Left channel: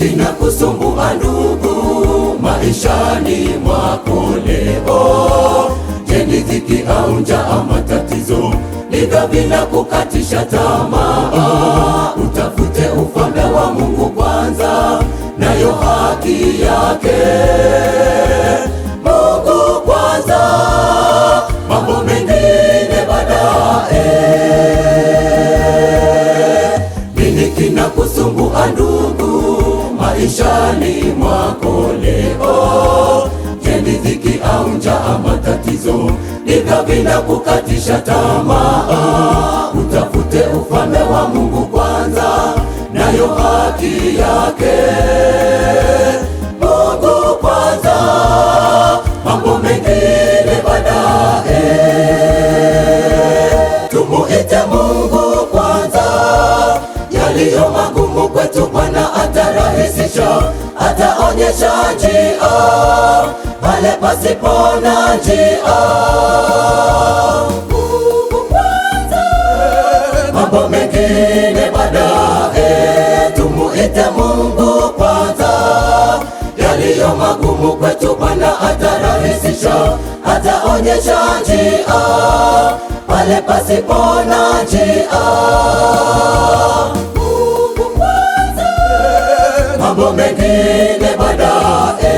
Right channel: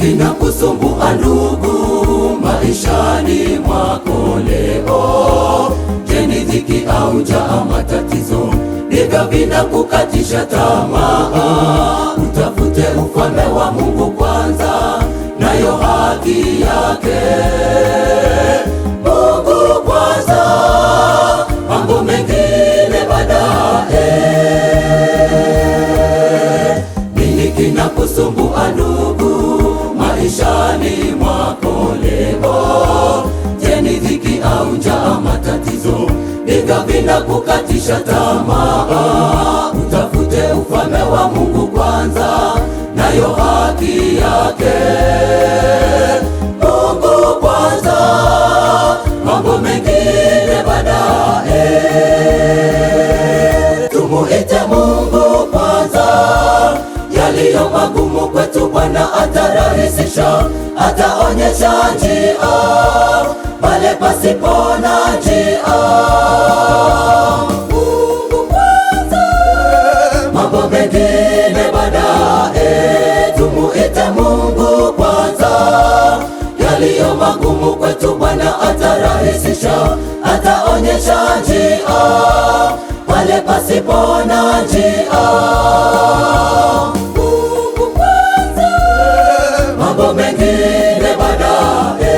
kinakusumbua ndugu maishani mwako leo? Je, ni dhiki au njaa, matatizo ndivyo vinakukatisha tamaa? Utafute ufalme wa Mungu kwanza, nayo haki yake. Mungu kwanza, mambo mengine baadaye. Nini kinakusumbua ndugu maishani mwako leo? Je, ni dhiki au njaa, matatizo ndivyo vinakukatisha tamaa? Utafute ufalme wa Mungu kwanza, nayo haki yake. Mungu kwanza, mambo mengine baadaye. Tumuite Mungu kwanza, yaliyo magumu kwetu Bwana atarahisisha, ataonyesha njia pale pasipo na njia. Mungu kwanza, mambo mengine baadaye. Tumuite Mungu kwanza, yaliyo magumu kwetu Bwana atarahisisha, ataonyesha njia pale pasipo na njia. Mungu kwanza, mambo mengine baadaye.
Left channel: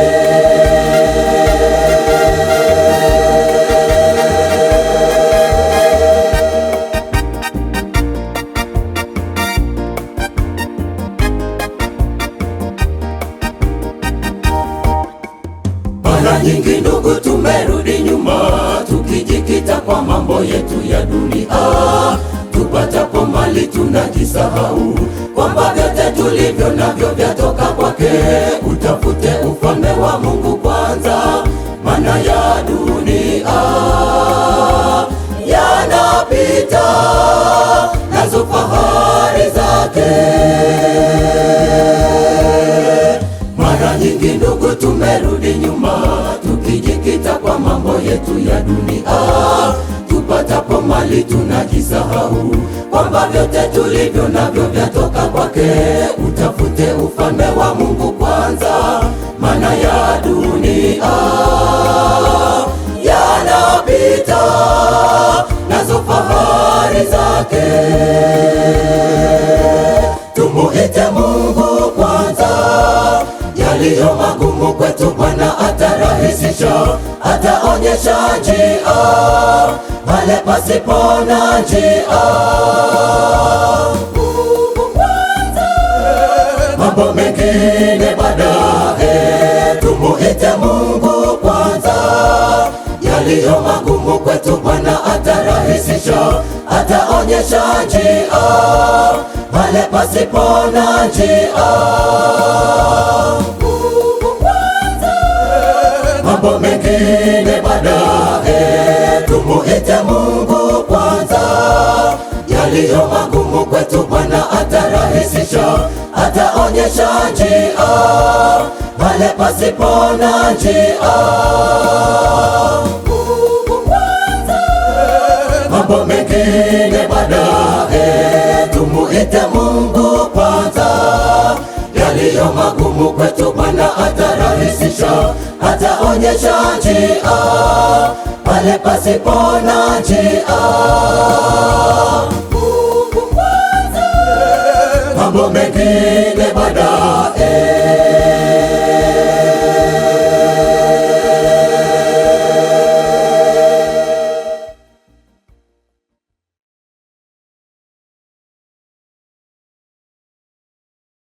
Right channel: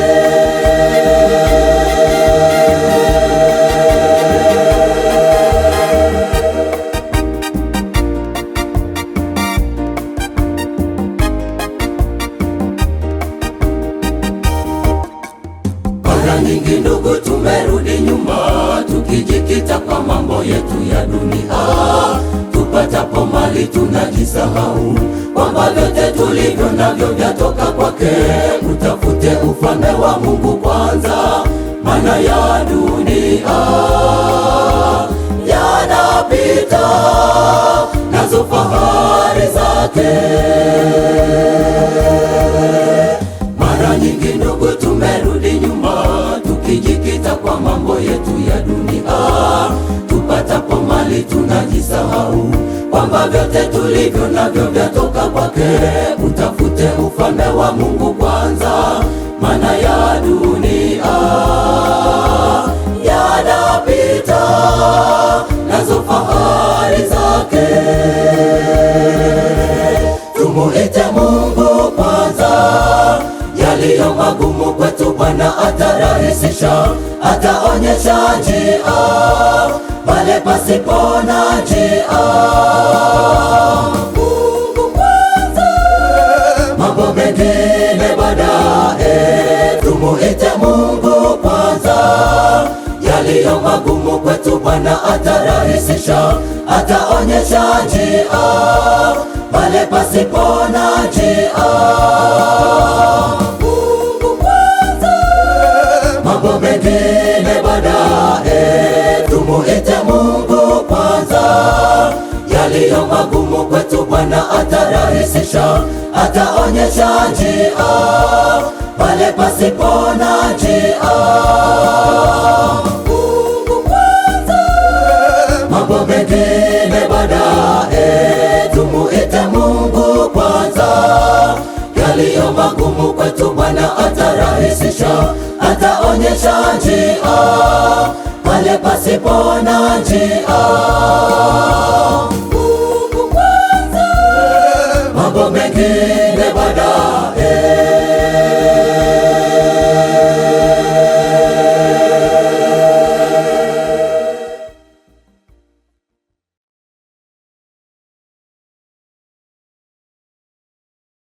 Mara nyingi ndugu, tumerudi nyuma tukijikita kwa mambo yetu ya dunia. Tupatapo mali tunajisahau kwamba vyote tulivyo navyo vyatoka kwake. Utafute ufalme wa Mungu kwanza, maana ya dunia yanapita, nazo fahari zake. Mara nyingi ndugu, tumerudi nyuma tukijikita kwa mambo yetu ya dunia. Tupatapo mali tunajisahau kwamba vyote tulivyo navyo vyatoka kwake. Utafute ufalme wa Mungu kwanza, maana ya dunia yanapita, nazo fahari zake. Tumuite Mungu kwanza, yaliyo magumu kwetu Bwana atarahisisha, ataonyesha njia pale pasipo na njia. Mungu kwanza, mambo mengine baadaye. Tumuite Mungu kwanza, yaliyo magumu kwetu Bwana atarahisisha, ataonyesha njia pale pasipo na njia. Mungu kwanza, mambo mengine baadaye. Tumuite Mungu kwanza, yaliyo magumu kwetu Bwana atarahisisha, ataonyesha njia pale pasipo na njia. Mungu kwanza, mambo mengine baadaye. Tumuite Mungu kwanza, yaliyo magumu kwetu Bwana atarahisisha, ataonyesha njia pale pasipo na njia. Mungu kwanza, mambo mengine